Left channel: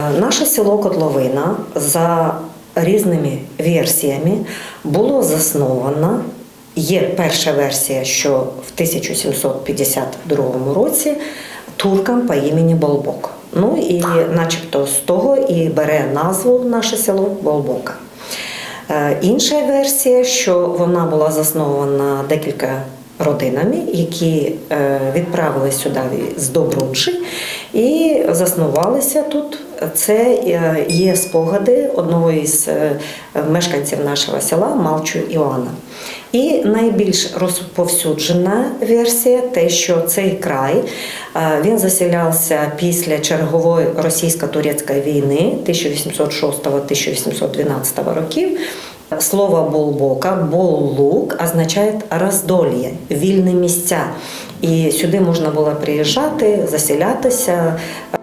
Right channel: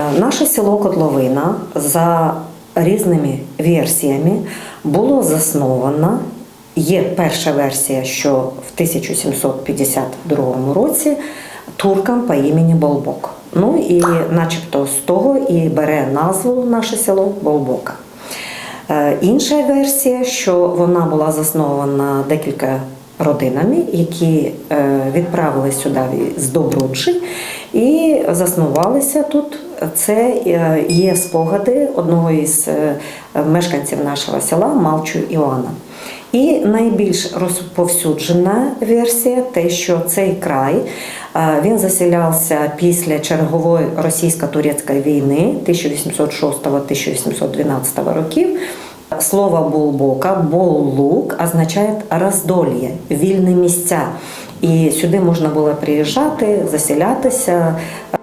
Е, наше село Котловина за різними версіями було засновано. Є перша версія, що в 1752 році туркам по імені Болбок. Ну і начебто з того і бере назву наше село Болбока. Е, інша версія, що вона була заснована декілька родинами, які е, відправили сюди з Добруджі і заснувалися тут. Це е, є спогади одного із е, мешканців нашого села Малчу Іоанна. І найбільш розповсюджена версія те, що цей край він заселявся після чергової російсько-турецької війни 1806-1812 років. Слово Болбока, Боллук означає роздольє, вільні місця. І сюди можна було приїжджати, заселятися, е,